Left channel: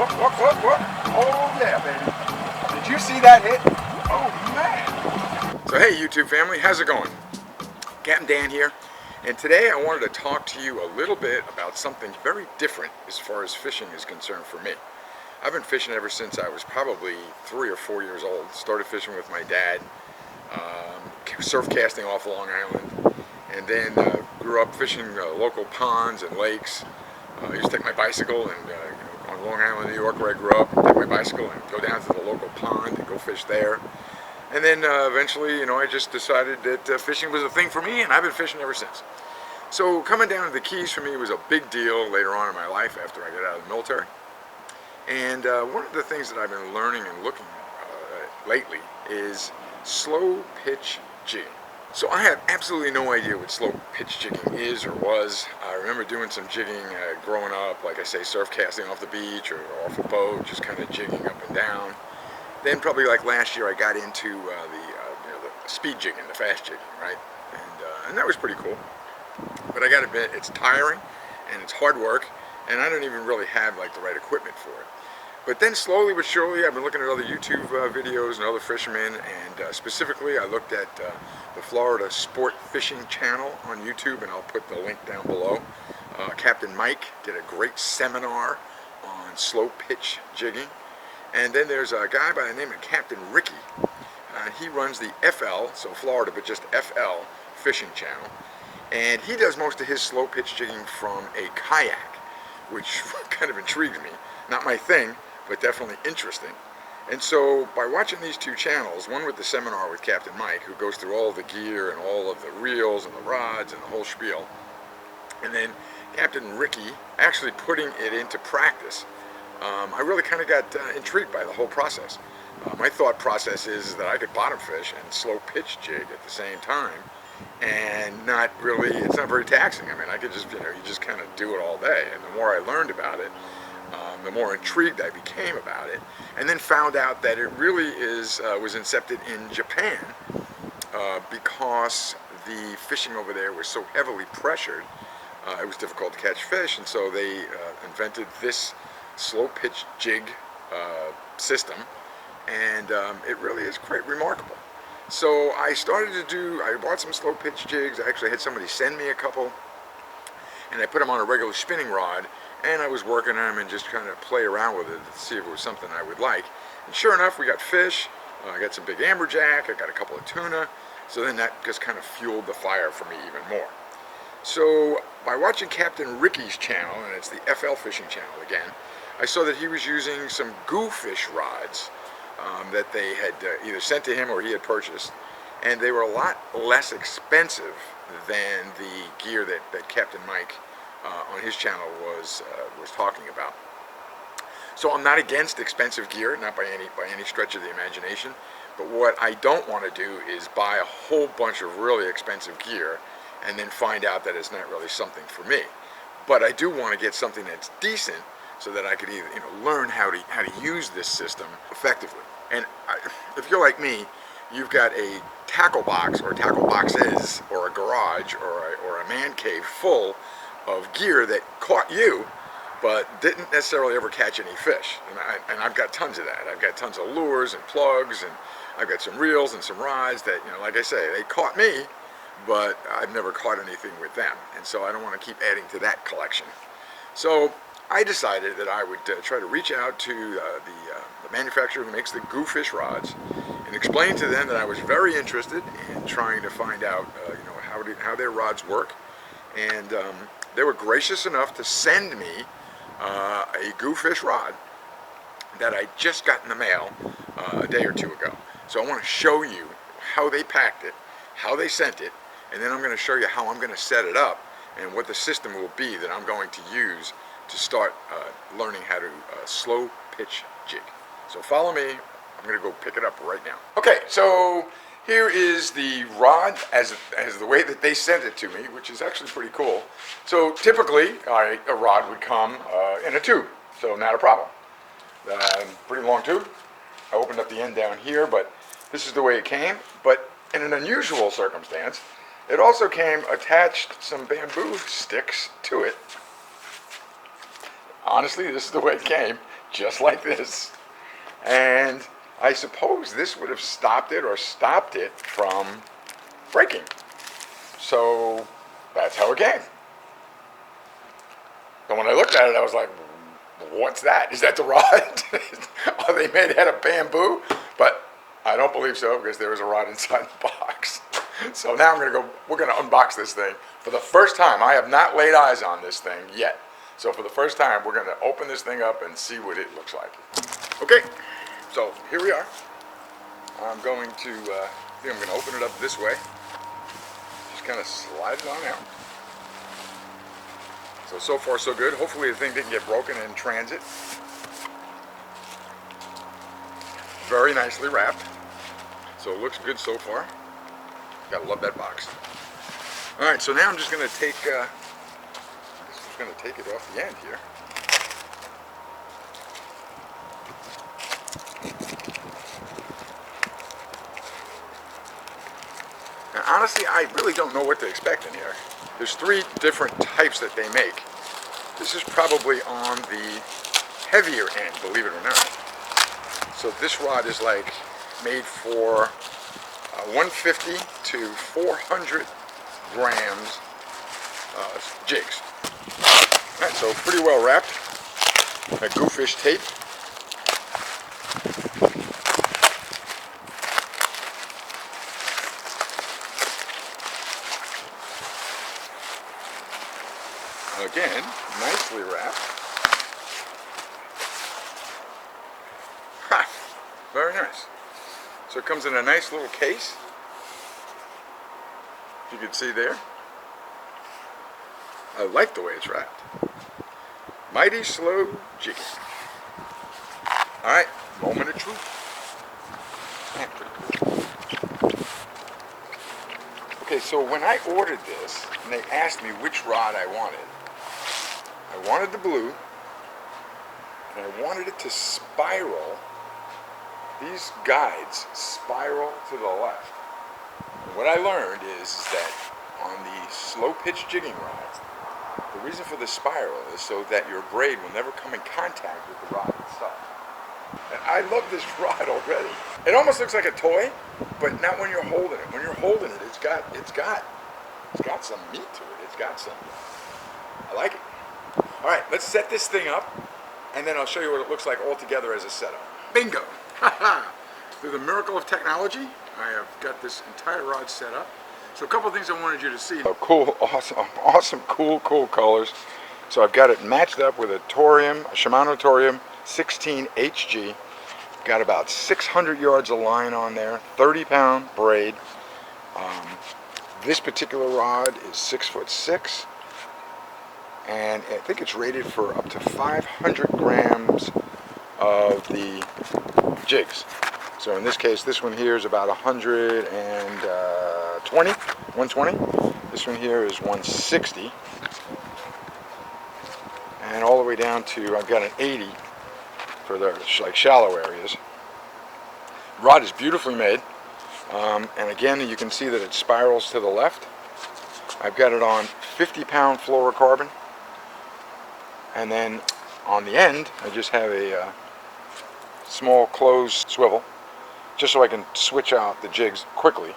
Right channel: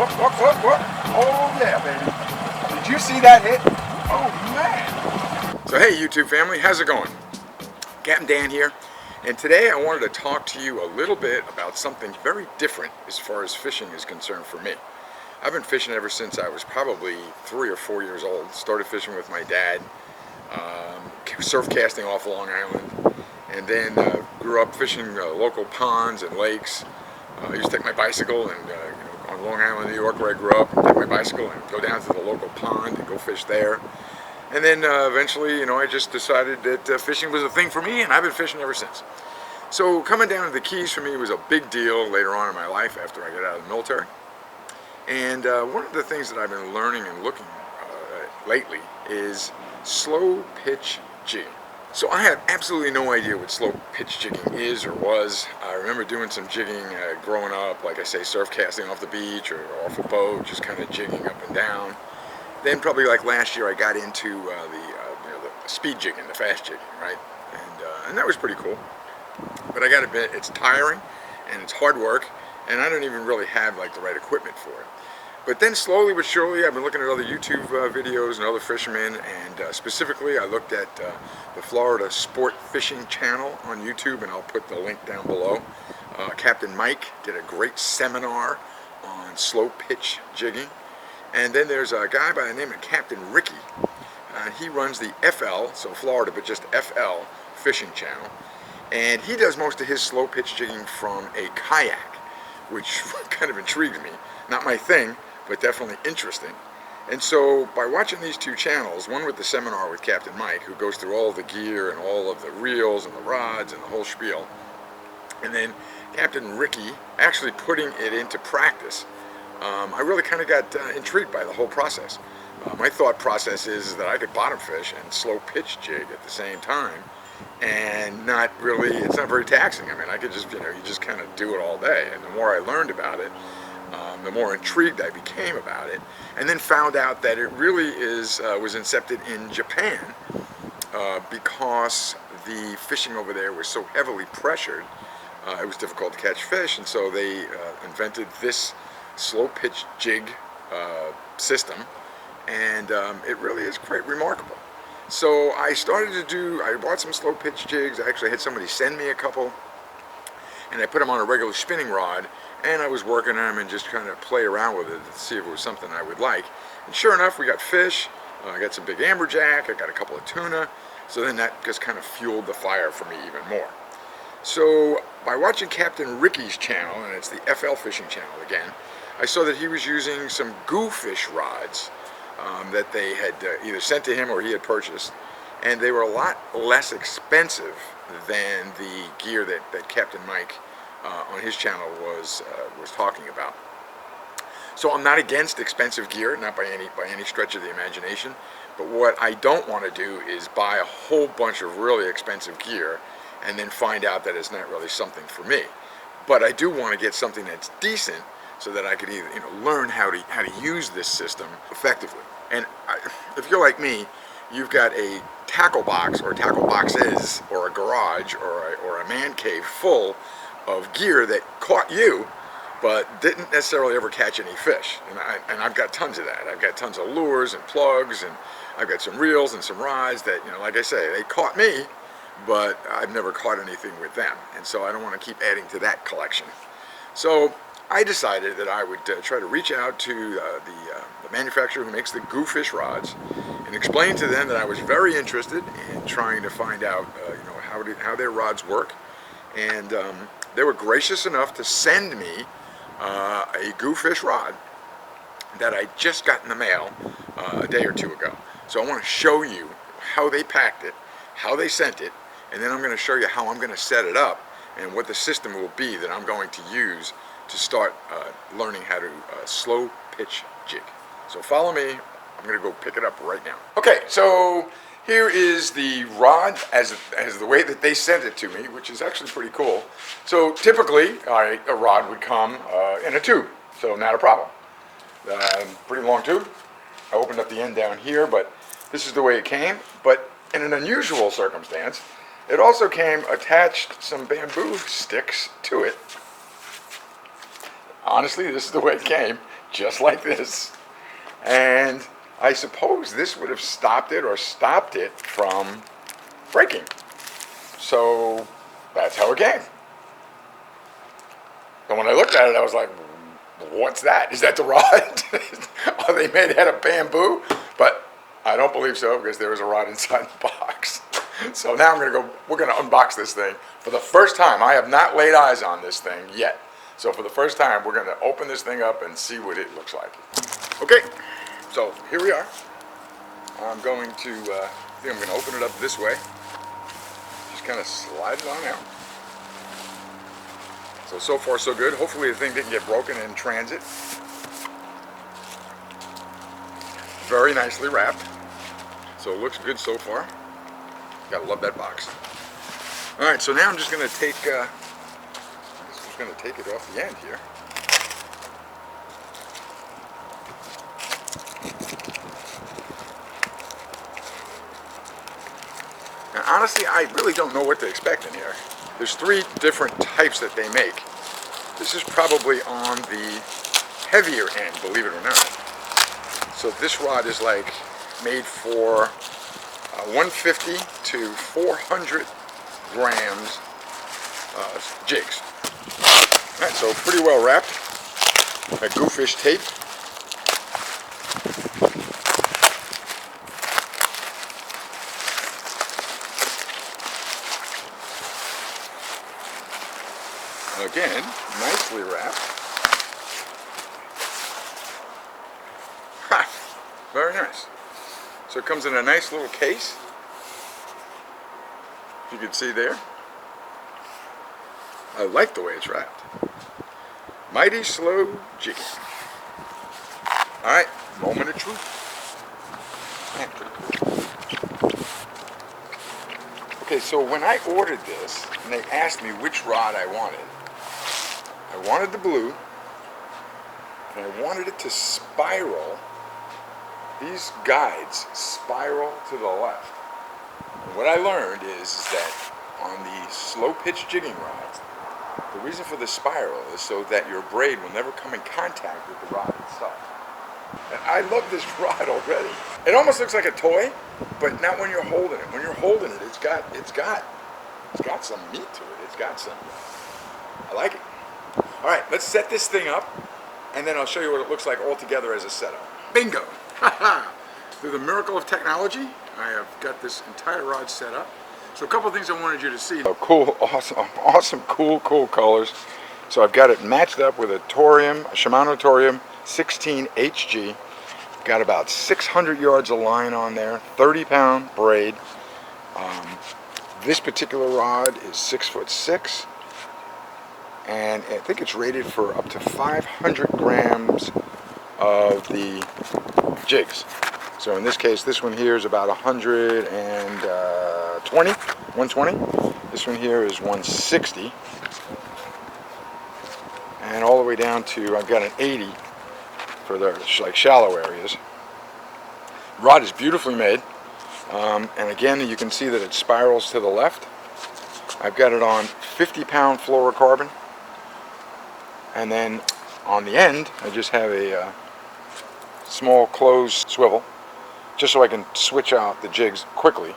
Whoop, whoop, whoop, whoop. Oh yeah, baby. Did you see that hit? Oh man. So hey YouTube family, how's it going? Captain Dan here, and today I wanted to talk to you a little bit about something very different as far as fishing is concerned for me. I've been fishing ever since I was probably 3 or 4 years old. Started fishing with my dad, surf casting off Long Island, and then grew up fishing local ponds and lakes. I used to take my bicycle and on Long Island, New York, where I grew up, take my bicycle and go down to the local pond and go fish there. And then eventually, I just decided that fishing was a thing for me, and I've been fishing ever since. So coming down to the Keys for me was a big deal later on in my life after I got out of the military. And one of the things that I've been learning and looking lately is slow pitch jigging. So I have absolutely no idea what slow pitch jigging is or was. I remember doing some jigging growing up, like I say, surf casting off the beach or off a boat, just kind of jigging up and down. Then probably like last year I got into the speed jigging, the fast jigging, right? And that was pretty cool. But I gotta admit, it's tiring and it's hard work, and I don't even really have like the right equipment for it. But then slowly but surely, I've been looking at other YouTube videos and other fishermen, and specifically I looked at the Florida Sport Fishing channel on YouTube, and I'll put the link down below. Captain Mike did a great seminar on slow pitch jigging. And then there's a guy by the name of Captain Ricky. He runs the FL, so Florida, but just FL fishing channel. And he does most of his slow pitch jigging from a kayak, which kind of intrigues me. Not my thing, but definitely interesting. And so by watching these two channels, one with the seminar with Captain Mike, who goes through all the gear and all of the reels and the rods and the whole spiel, and then Captain Ricky actually putting it into practice, I really kind of got intrigued by the whole process. My thought process is that I could bottom fish and slow pitch jig at the same time, and it's not very taxing. I mean, I could just, you just kind of do it all day. And the more I learned about it, the more intrigued I became about it, and then found out that it really was incepted in Japan because the fishing over there was so heavily pressured. It was difficult to catch fish, and so they invented this slow pitch jig system, and it really is quite remarkable. So I bought some slow pitch jigs. I actually had somebody send me a couple, and I put them on a regular spinning rod, and I was working on them and just kind of play around with it to see if it was something I would like. And sure enough, we got fish. I got some big amberjack. I got a couple of tuna. So then that just kind of fueled the fire for me even more. So by watching Captain Ricky's channel, and it's the FL Fishing channel again, I saw that he was using some GOOFISH rods that they had either sent to him or he had purchased, and they were a lot less expensive than the gear that Captain Mike on his channel was talking about. So I'm not against expensive gear, not by any stretch of the imagination, but what I don't want to do is buy a whole bunch of really expensive gear and then find out that it's not really something for me. But I do want to get something that's decent so that I could either learn how to use this system effectively. And if you're like me, you've got a tackle box or tackle boxes or a garage or a man cave full of gear that caught you but didn't necessarily ever catch any fish. And I've got tons of that. I've got tons of lures and plugs, and I've got some reels and some rods that, like I say, they caught me, but I've never caught anything with them. And so I don't want to keep adding to that collection. So I decided that I would try to reach out to the manufacturer who makes the GOOFISH rods and explain to them that I was very interested in trying to find out how their rods work. And they were gracious enough to send me a GOOFISH rod that I just got in the mail a day or two ago. So I want to show you how they packed it, how they sent it, and then I'm going to show you how I'm going to set it up and what the system will be that I'm going to use to start learning how to slow pitch jig. So follow me. I'm going to go pick it up right now. Okay, so here is the rod as the way that they sent it to me, which is actually pretty cool. So typically, a rod would come in a tube, so not a problem. Pretty long tube. I opened up the end down here, but this is the way it came. But in an unusual circumstance, it also came attached some bamboo sticks to it. Honestly, this is the way it came. just like this. And I suppose this would have stopped it or stopped it from breaking. So that's how it came. And when I looked at it, I was like, what's that? Is that the rod? Are they made out of bamboo? But I don't believe so, because there was a rod inside the box. So now we're gonna unbox this thing. For the first time, I have not laid eyes on this thing yet. So for the first time, we're gonna open this thing up and see what it looks like. Okay, so here we are. I'm going to, I think I'm gonna open it up this way. Just kind of slide it on out. So far so good. Hopefully the thing didn't get broken in transit. Very nicely wrapped. So it looks good so far. Gotta love that box. All right, so now I'm just gonna take, it off the end here. Now honestly, I really don't know what to expect in here. There's 3 different types that they make. This is probably on the heavier end, believe it or not. So this rod is like made for 150 to 400 grams jigs. All right, so pretty well wrapped. A GOOFISH tape. Again, nicely wrapped. Ha! Very nice. So it comes in a nice little case. You can see there. I like the way it's wrapped. Mighty slow jigging. Alright, moment of truth. Okay, so when I ordered this, and they asked me which rod I wanted the blue, and I wanted it to spiral. These guides spiral to the left. And what I learned is that on the slow pitch jigging rods, the reason for the spiral is so that your braid will never come in contact with the rod itself. And I love this rod already. It almost looks like a toy, but not when you're holding it. When you're holding it, it's got some meat to it. It's got some. I like it. All right, let's set this thing up, and then I'll show you what it looks like all together as a setup. Bingo! Through the miracle of technology, I have got this entire rod set up. So a couple of things I wanted you to see. Oh, cool, awesome, cool colors. So I've got it matched up with a Shimano Torium 16 HG. Got about 600 yards of line on there, 30-pound braid. This particular rod is 6'6", and I think it's rated for up to 500 grams of the jigs. So in this case, this one here is about 120. This one here is 160. And all the way down to, I've got an 80 for the like shallow areas. Rod is beautifully made. And again, you can see that it spirals to the left. I've got it on 50-pound fluorocarbon. And then on the end, I just have a small closed swivel, just so I can switch out the jigs quickly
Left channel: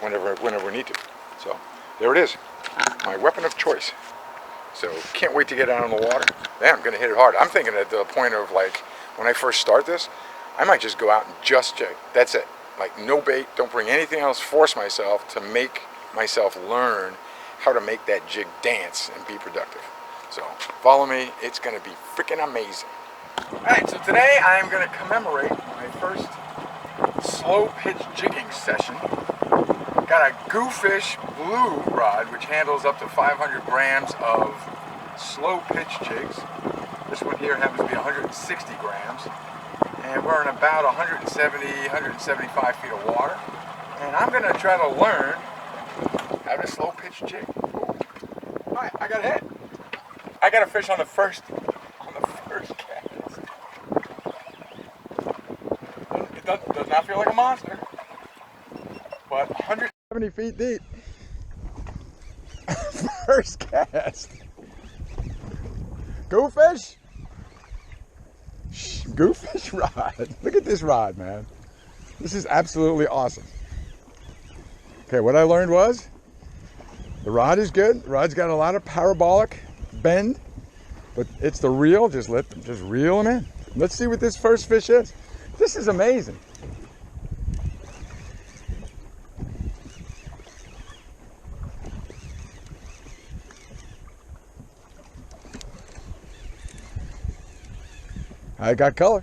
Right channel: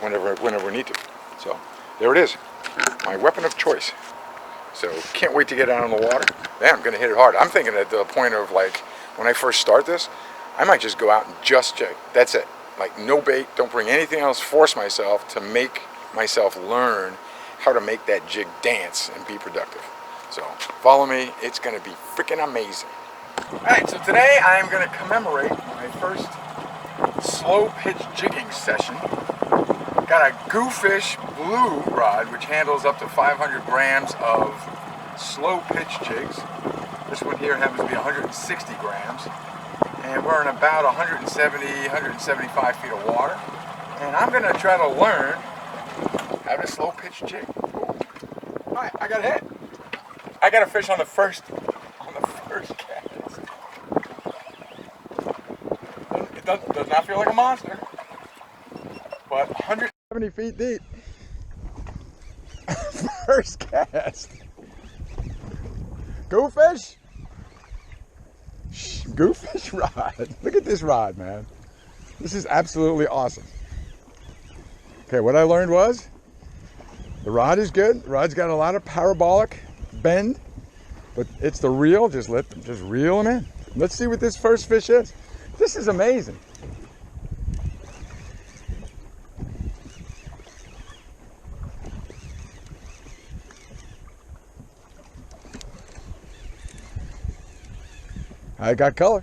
whenever we need to. So there it is, my weapon of choice. So can't wait to get out on the water. Man, I'm going to hit it hard. I'm thinking at the point of like when I first start this, I might just go out and just jig. That's it. Like no bait, don't bring anything else. Force myself to make myself learn how to make that jig dance and be productive. So follow me. It's going to be freaking amazing. Alright, so today I am going to commemorate my first slow pitch jigging session. Got a GOOFISH blue rod which handles up to 500 grams of slow pitch jigs. This one here happens to be 160 grams. And we're in about 170, 175 feet of water. And I'm going to try to learn how to slow pitch jig. Alright, I got a hit. I got a fish on the first cast. It does not feel like a monster, but 170 feet deep. First cast. GOOFISH. Goofish rod. Look at this rod, man. This is absolutely awesome. Okay, what I learned was the rod is good. The rod's got a lot of parabolic bend, but it's the reel. Just reel them in. Let's see what this first fish is. This is amazing. I got color.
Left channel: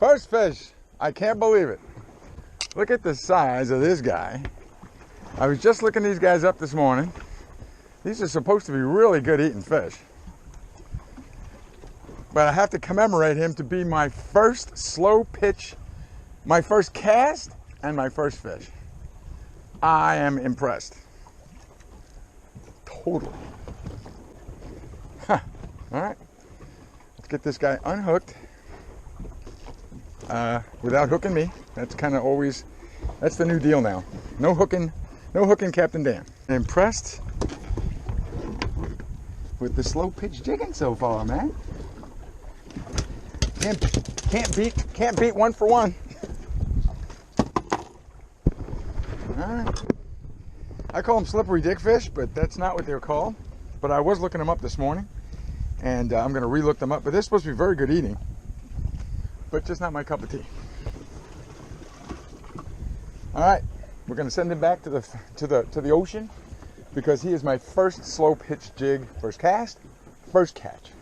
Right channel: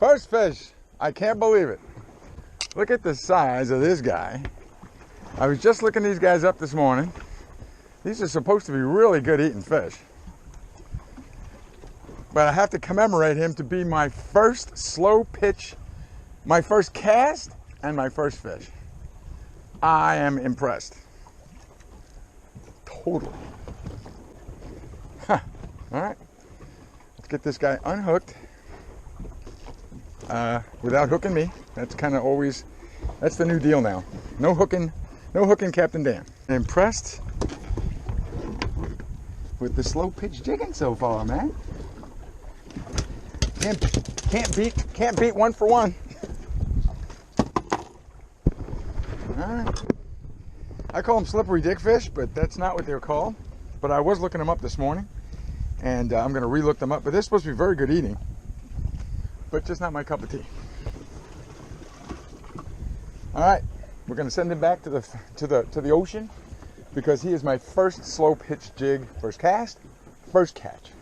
First fish. I can't believe it. Look at the size of this guy. I was just looking these guys up this morning. These are supposed to be really good eating fish. But I have to commemorate him to be my first slow pitch, my first cast, and my first fish. I am impressed. Totally. Huh. All right. Let's get this guy unhooked without hooking me. That's kind of always, that's the new deal now. No hooking Captain Dan. Impressed with the slow pitch jigging so far, man. Can't beat one for one. All right. I call them slippery dick fish, but that's not what they're called. But I was looking them up this morning, and I'm going to re-look them up. But they're supposed to be very good eating, but just not my cup of tea. All right, we're going to send him back to the ocean because he is my first slow pitch jig, first cast, first catch.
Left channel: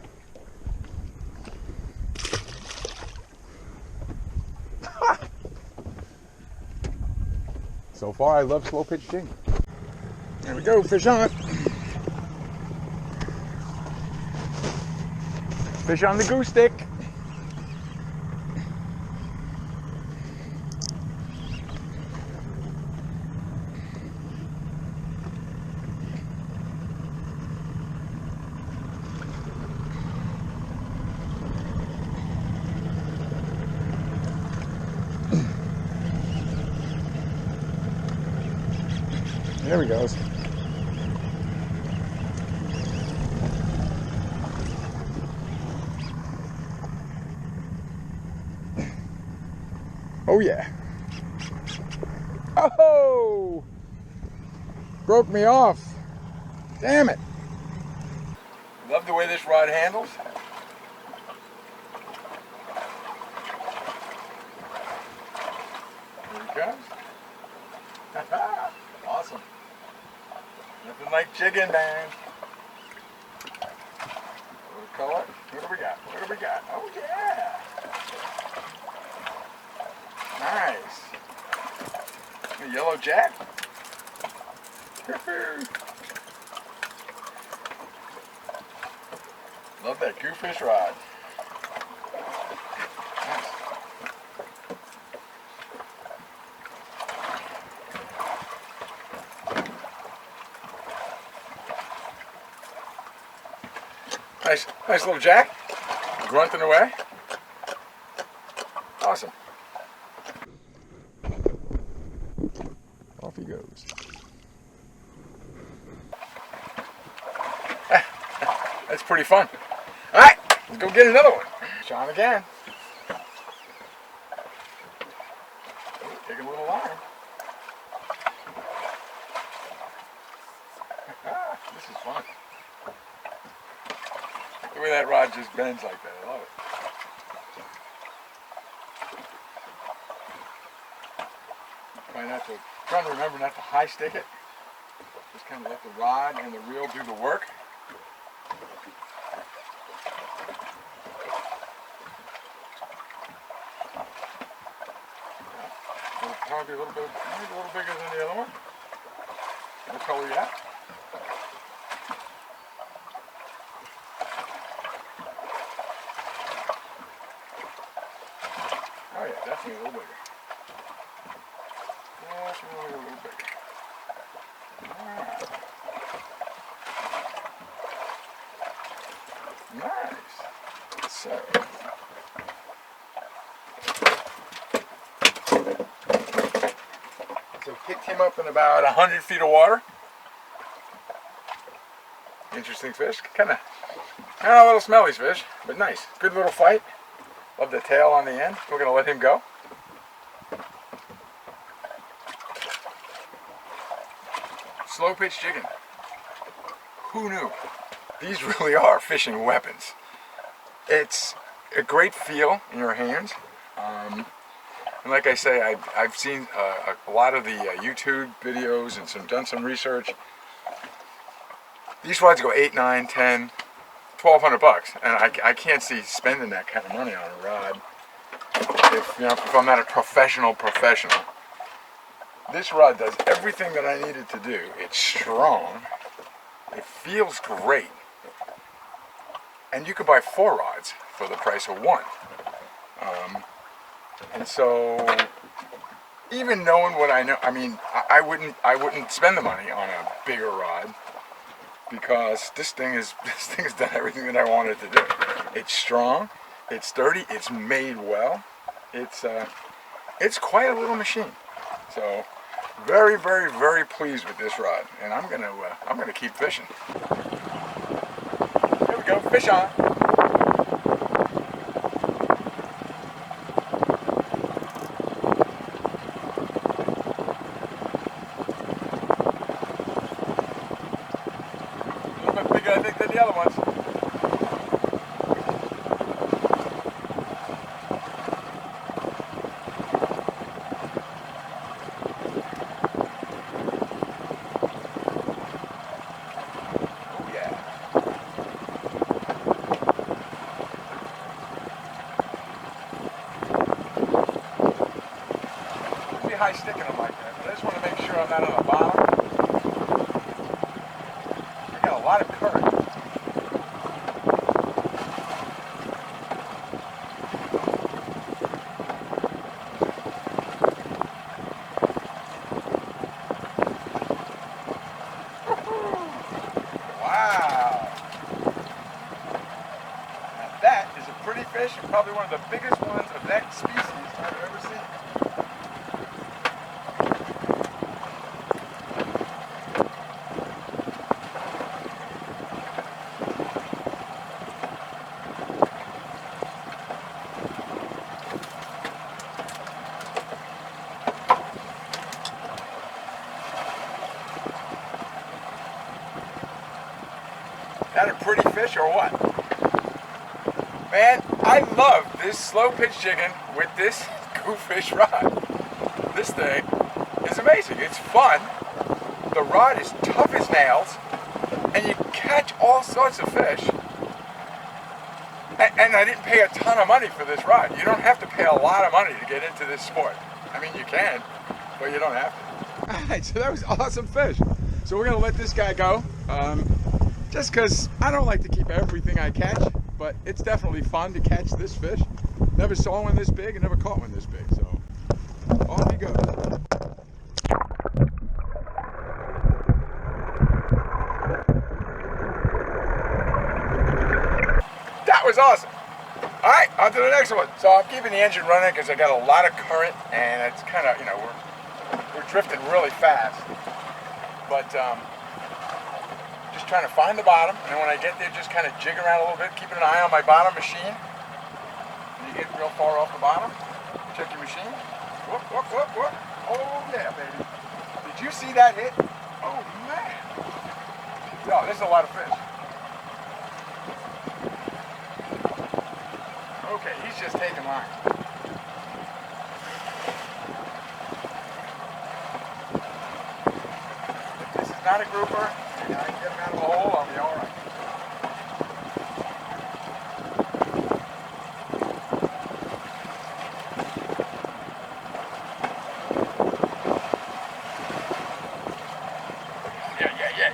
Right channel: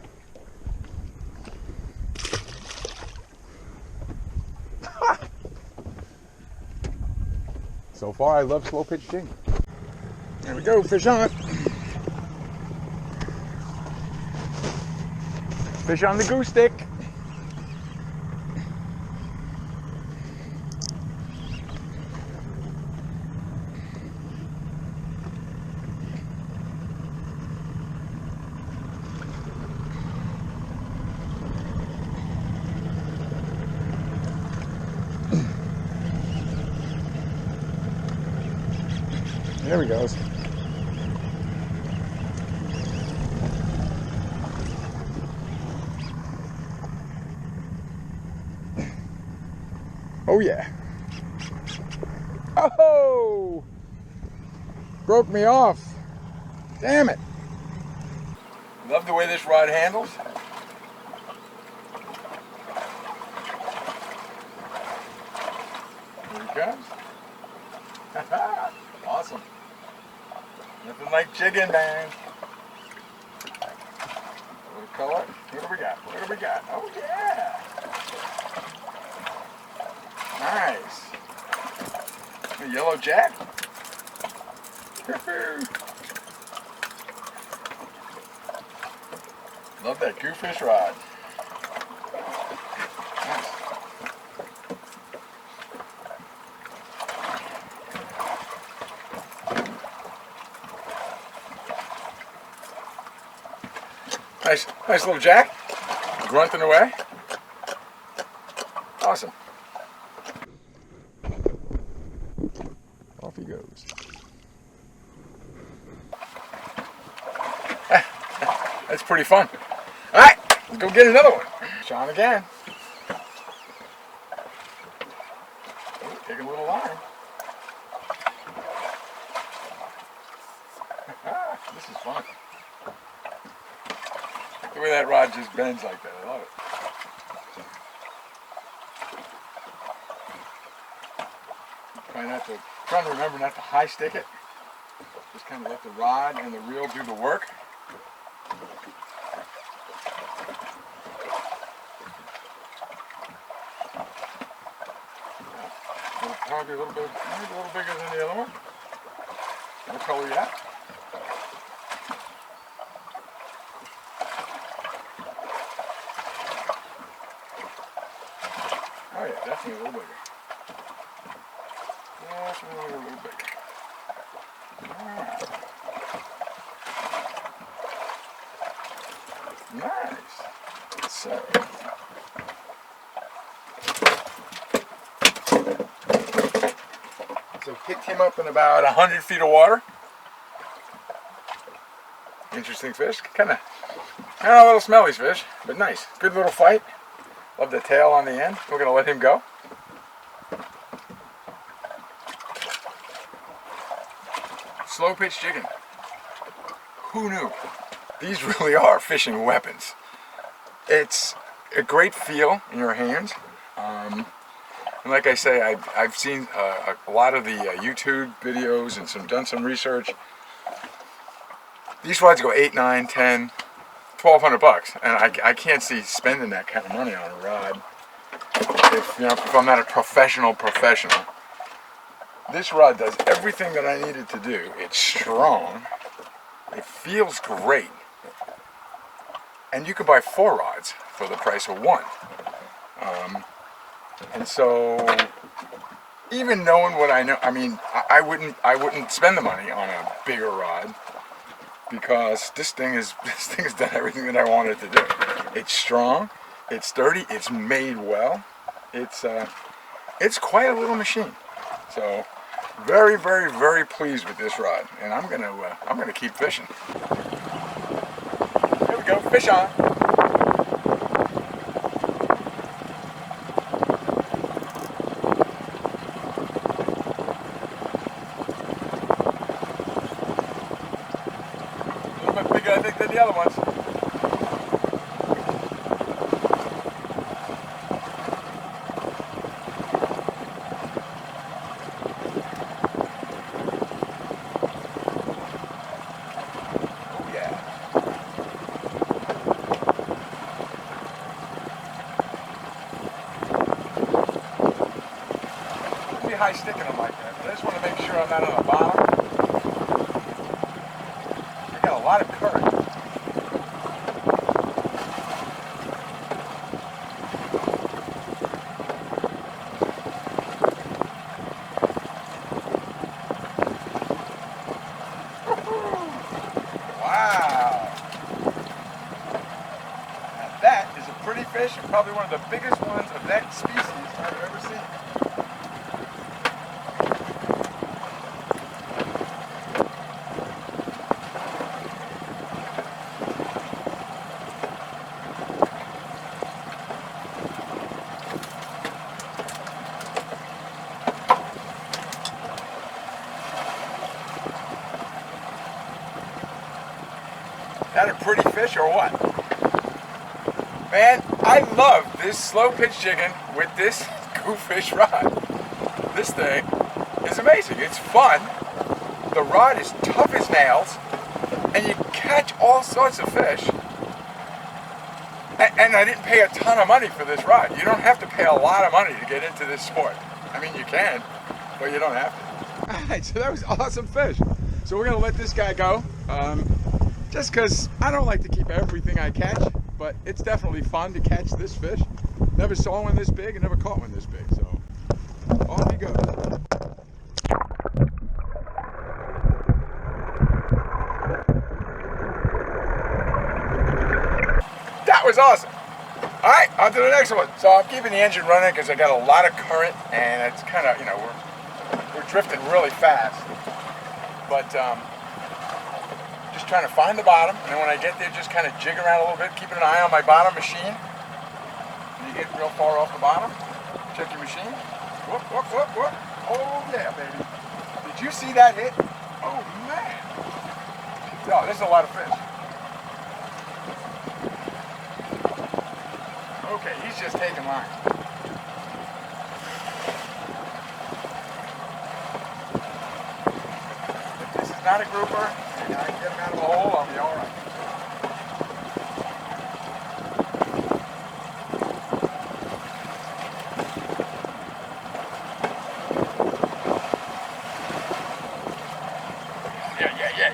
So far, I love slow pitch jigging. There we go, fish on. Fish on the goose stick. There he goes. Oh yeah. Oh! Broke me off. Damn it. Love the way this rod handles. Here he comes. Awesome. Nothing like jigging, man. What color? What do we got? What do we got? Oh yeah. Nice. A yellow jack. Love that goofish rod. Nice little jack, grunting away. Awesome. Off he goes. That's pretty fun. All right, let's go get another one. Sean again. Take a little line. This is fun. The way that rod just bends like that, I love it. Trying to remember not to high stick it. Just kind of let the rod and the reel do the work. Probably a little bigger than the other one. What color you got? Oh yeah, definitely a little bigger. Definitely a little bigger. Alright. Nice. So. picked him up in about 100 feet of water. Interesting fish. Kind of a little smelly fish, but nice. Good little fight. Love the tail on the end. We're going to let him go. Slow pitch jigging. Who knew? These really are fishing weapons. It's a great feel in your hands. And like I say, I've seen a lot of the YouTube videos and done some research. These rods go 8, 9, 10, 1,200 bucks, and I can't see spending that kind of money on a rod if I'm not a professional. This rod does everything that I needed to do. It's strong. It feels great. And you can buy 4 rods for the price of 1. And so, even knowing what I know, I mean, I wouldn't spend the money on a bigger rod, because this thing has done everything that I wanted to do. It's strong, it's sturdy, it's made well. It's quite a little machine. So, very, very, very pleased with this rod, and I'm gonna keep fishing. Here we go, fish on. A little bit bigger, I think, than the other ones. High sticking them like that, but I just want to make sure I'm not on the bottom. They got a lot of current. Wow! Now that is a pretty fish, and probably one of the biggest ones of that species I've ever seen. That a pretty fish or what? Man, I love this slow pitch jigging with this GOOFISH rod. This thing is amazing. It's fun. The rod is tough as nails, and you catch all sorts of fish. And I didn't pay a ton of money for this rod. You don't have to pay a lot of money to get into this sport. I mean, you can, but you don't have to. All right, so that was awesome fish. So we're gonna let this guy go. Just because I don't like to keep everything I catch, but it's definitely fun to catch this fish. Never saw one this big and never caught one this big, so off he goes. That was awesome. All right, on to the next one. So I'm keeping the engine running because I got a lot of current, and it's kind of, we're drifting really fast. But just trying to find the bottom, and then when I get there, just kind of jig around a little bit, keeping an eye on my bottom machine. When you get real far off the bottom, check your machine. Whoop, whoop, whoop, whoop. Oh yeah, baby. Did you see that hit? Oh man. Oh, this is a lot of fish. Okay, he's just taking line. If this is not a grouper, and I can get him out of the hole, I'll be all right.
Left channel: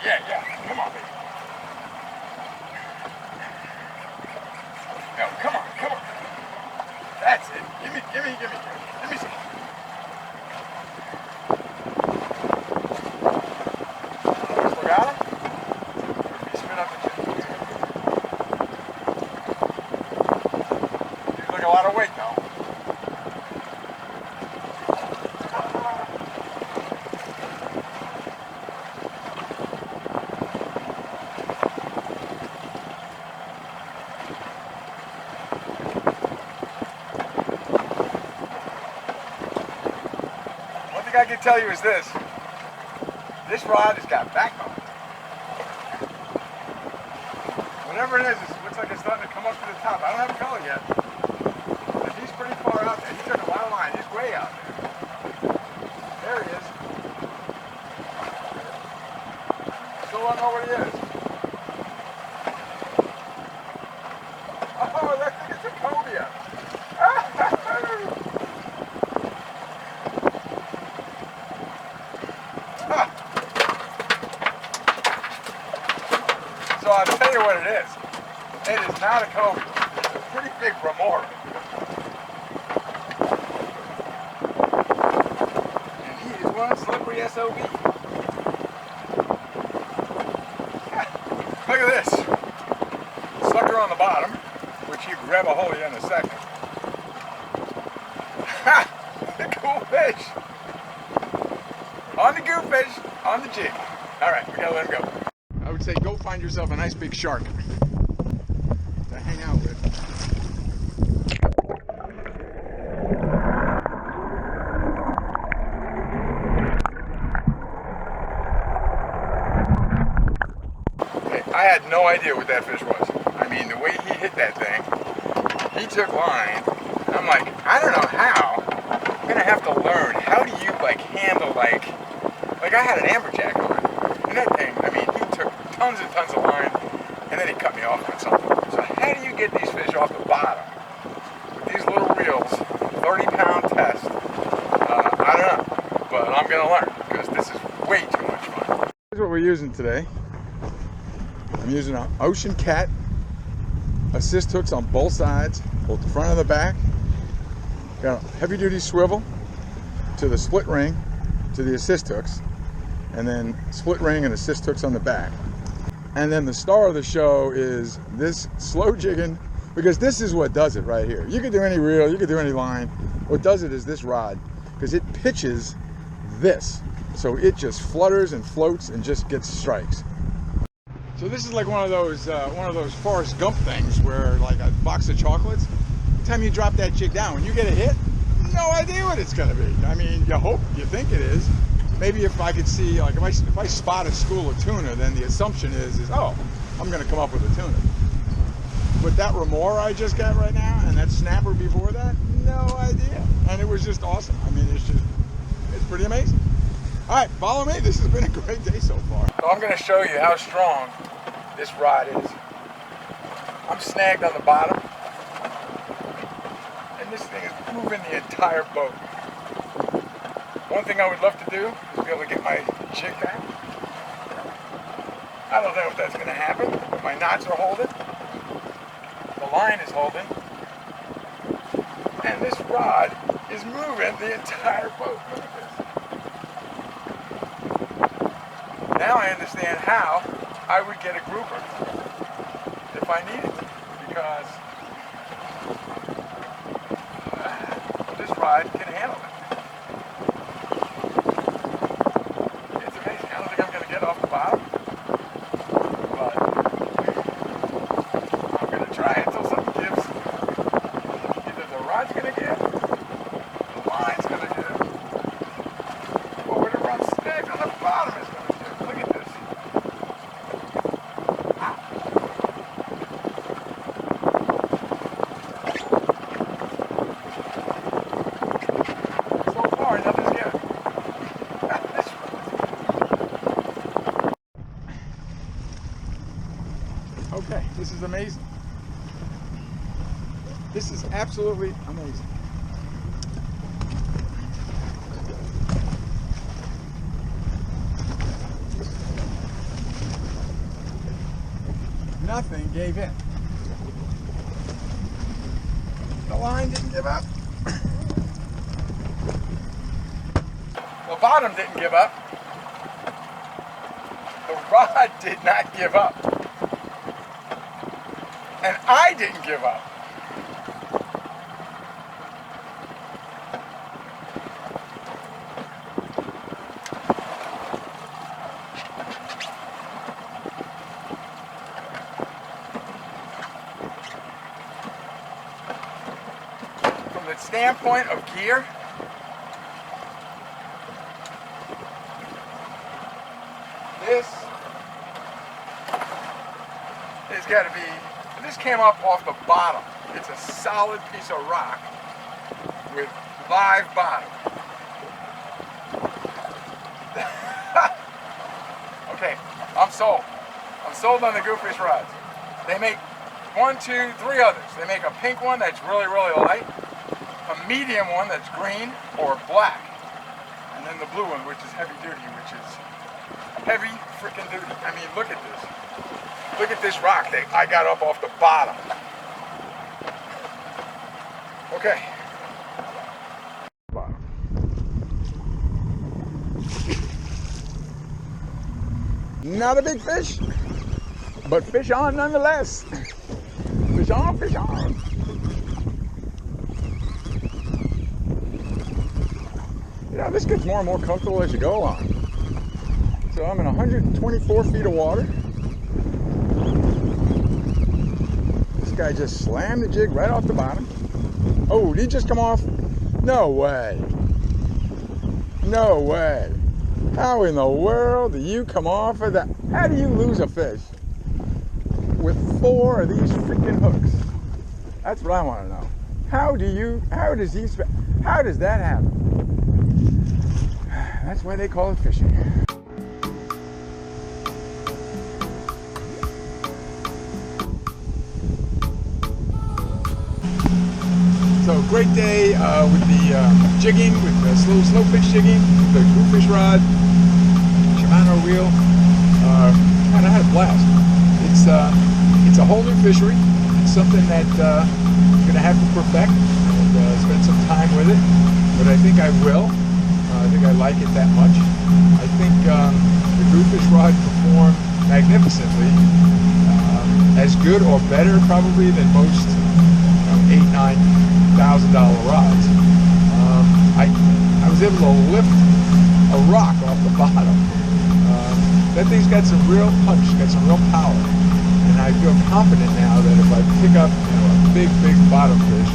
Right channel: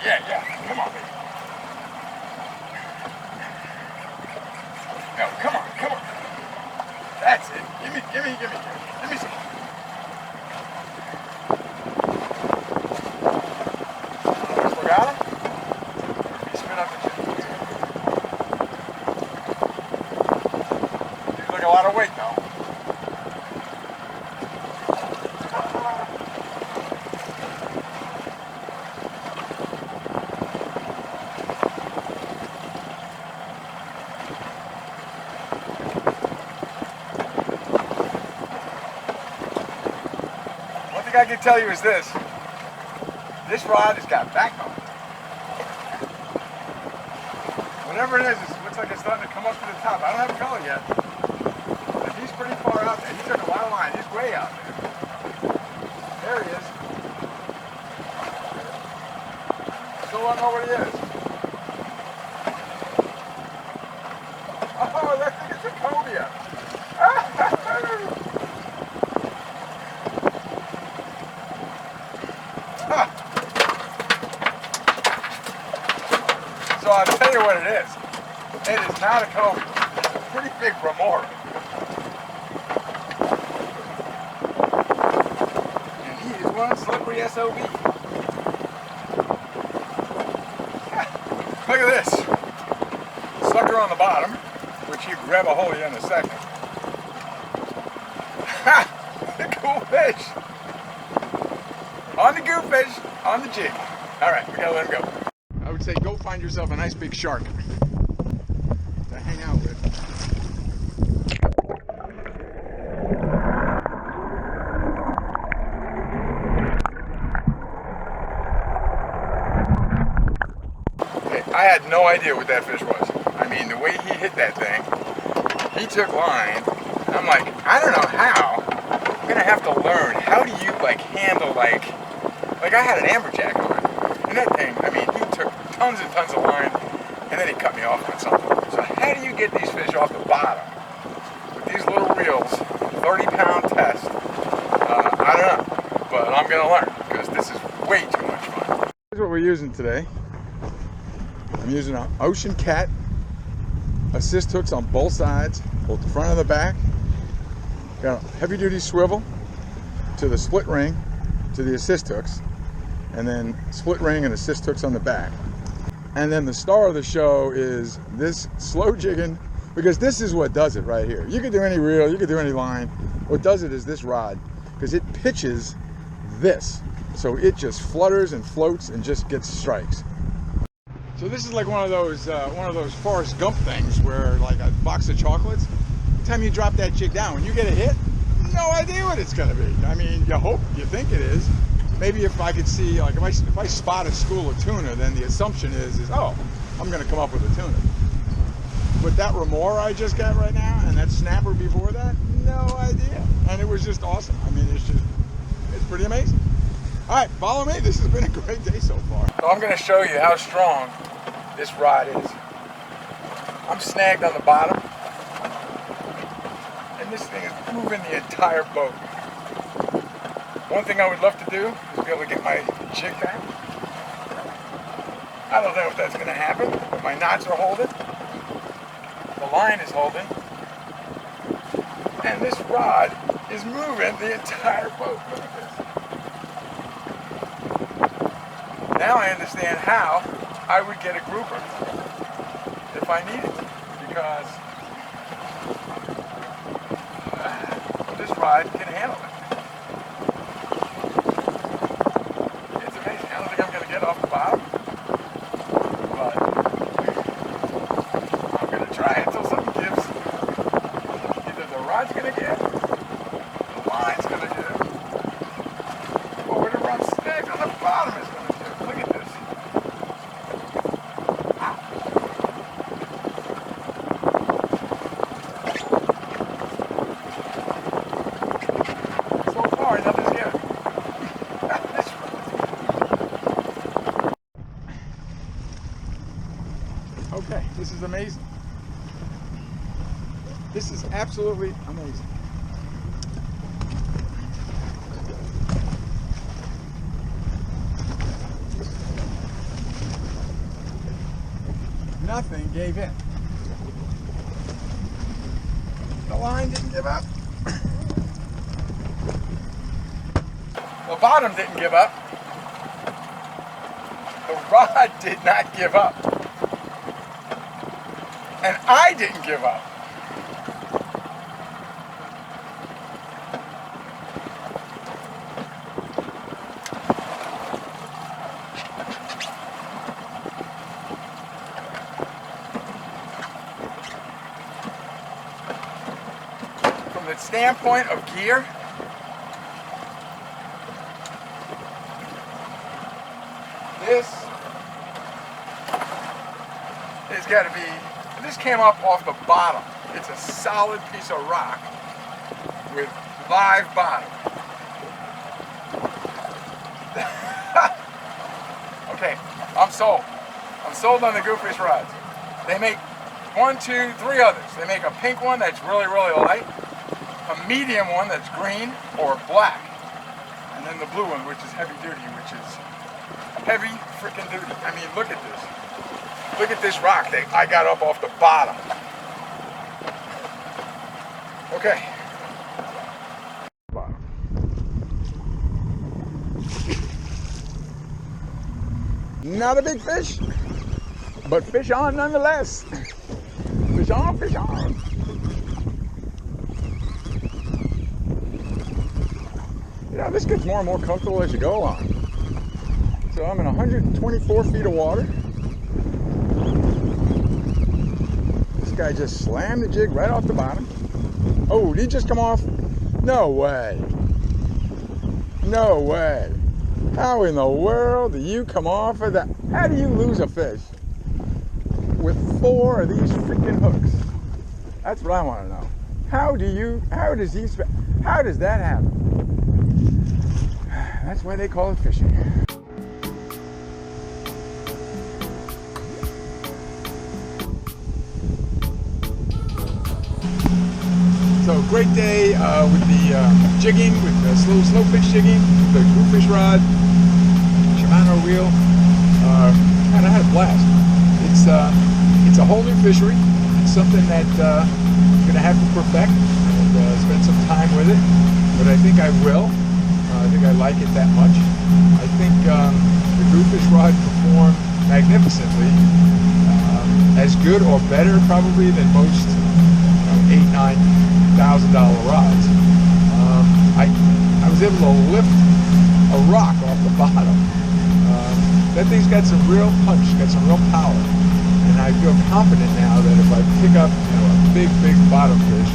Yeah. Come on, baby. No, come on. That's it. Give me some. Got him? Spin up the thing I can tell you is this. This rod has got backbone. Whatever it is, it looks like it's starting to come up to the top. I don't have a color yet. But he's pretty far out there. He took a lot of line. He's way out there. There he is. Still don't know what he is. Oh, that thing is a cobia. So I'll tell you what it is. It is not a cobia. It's a pretty big remora. And he is one slippery SOB. Look at this. Sucker on the bottom, which you grab a hold of in a second. Ha! The cool fish. On the goofish, on the jig. All right, we gotta let him go. I would say go find yourself a nice big shark to hang out with. Okay, I had no idea what that fish was. I mean, the way he hit that thing, he took line. I'm like, I don't know how. I'm gonna have to learn. How do you like handle like I had an amberjack on, and that thing, I mean, he took tons and tons of line, and then he cut me off with something. So how do you get these fish off the bottom with these little reels, 30-pound test? I don't know, but I'm gonna learn because this is way too much fun. Here's what we're using today. I'm using an Ocean Cat assist hooks on both sides, both the front and the back. Got a heavy-duty swivel to the split ring to the assist hooks, and then split ring and assist hooks on the back. And then the star of the show is this slow jigging, because this is what does it right here. You could do any reel, you could do any line. What does it is this rod, because it pitches this, so it just flutters and floats and just gets strikes. So this is like one of those Forrest Gump things where, like a box of chocolates, every time you drop that jig down, when you get a hit, no idea what it's going to be. I mean, you hope, you think it is. Maybe if I could see, like if I spot a school of tuna, then the assumption is oh, I'm going to come up with a tuna. But that remora I just got right now, and that snapper before that, no idea. And it was just awesome. I mean, it's pretty amazing. All right, follow me. This has been a great day so far. So I'm going to show you how strong this rod is. I'm snagged on the bottom, and this thing is moving the entire boat. One thing I would love to do is be able to get my jig back. I don't know if that's going to happen, but my knots are holding. The line is holding. And this rod is moving the entire boat. Look at this. Now I understand how I would get a grouper if I needed to, because this rod can handle it. It's amazing. I don't think I'm going to get off the bottom, but I'm going to try until something gives. Either the rod's going to give, the line's going to give, or whatever I'm snagged on the bottom is going to give. Look at this. So far, nothing's given. Okay, this is amazing. This is absolutely amazing. Nothing gave in. The line didn't give up. The bottom didn't give up. The rod did not give up. And I didn't give up. From the standpoint of gear, This has got to be, this came up off the bottom. It's a solid piece of rock with live bottom. Okay, I'm sold. I'm sold on the GOOFISH rods. They make 1, 2, 3 others. They make a pink one that's really, really light, a medium one that's green or black, and then the blue one, which is heavy duty, which is heavy freaking duty. I mean, look at this. Look at this rock that I got up off the bottom. Okay. Bottom. Not a big fish, but fish on nonetheless. Fish on, fish on. You know, this gets more and more comfortable as you go along. So I'm in 124 feet of water. This guy just slammed the jig right off the bottom. Oh, did he just come off? No way. No way. How in the world do you come off of that? How do you lose a fish with 4 of these freaking hooks? That's what I want to know. How does that happen? That's why they call it fishing. So great day with the jigging, with the slow pitch jigging, the GOOFISH rod, Shimano reel. Man, I had a blast. It's a whole new fishery. It's something that I'm going to have to perfect and spend some time with it. But I think I will. I think I like it that much. I think the GOOFISH rod performed magnificently, as good or better probably than most $8,000–9,000 rods. I was able to lift a rock off the bottom. That thing's got some real punch, got some real power, and I feel confident now that if I pick up a big bottom fish,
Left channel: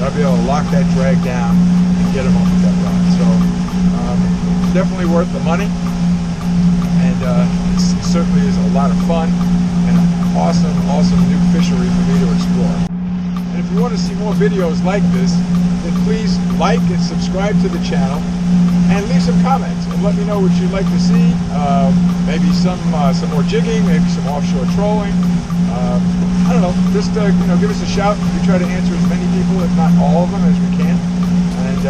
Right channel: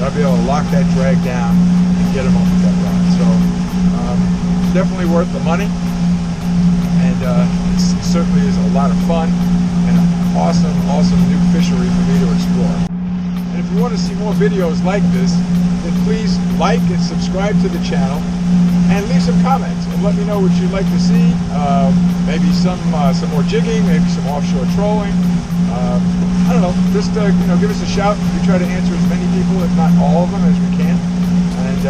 that I'll be able to lock that drag down and get him off with that rod. So definitely worth the money, and it certainly is a lot of fun and an awesome new fishery for me to explore. And if you want to see more videos like this, then please like and subscribe to the channel and leave some comments and let me know what you'd like to see. Maybe some more jigging, maybe some offshore trolling. I don't know, just give us a shout. We try to answer as many people, if not all of them, as we can. And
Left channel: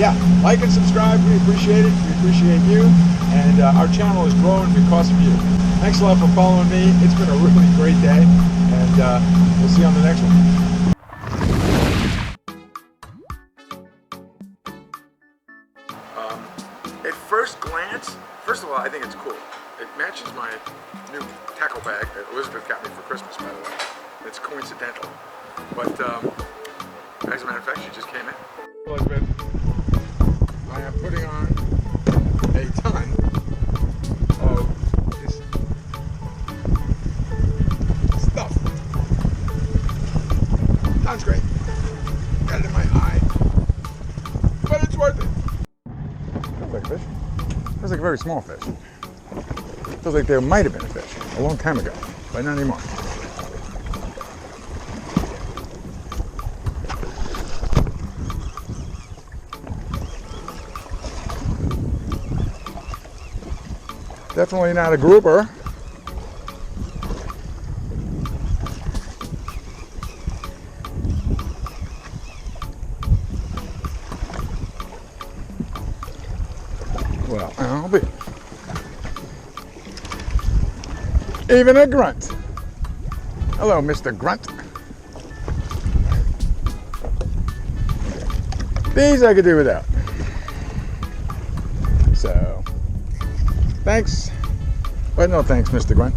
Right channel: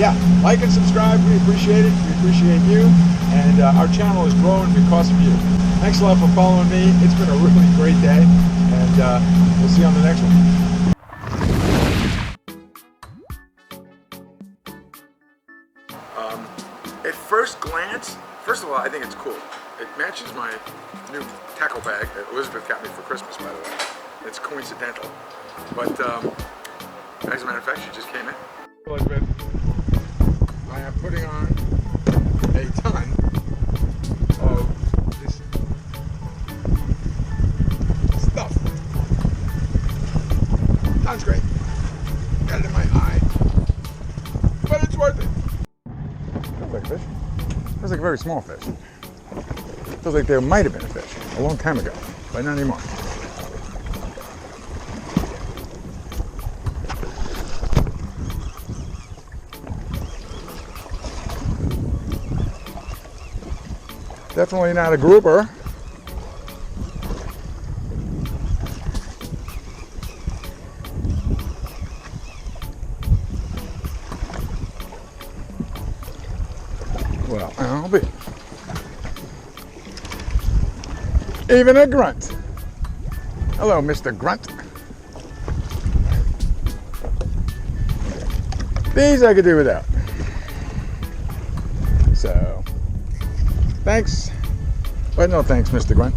yeah, like and subscribe. We appreciate it. We appreciate you. And our channel is growing because of you. Thanks a lot for following me. It's been a really great day, and we'll see you on the next one. At first glance, first of all, I think it's cool. It matches my new tackle bag that Elizabeth got me for Christmas, by the way. It's coincidental. But as a matter of fact, she just came in. Elizabeth, I am putting on a ton of this stuff. Sounds great. Got it in my eye. But it's worth it. Feels like a fish. Feels like a very small fish. Feels like there might have been a fish a long time ago, but not anymore. Definitely not a grouper. Well, I'll be. Even a grunt. Hello, Mr. Grunt. These I could do without. So, thanks. But no thanks, Mr. Grunt.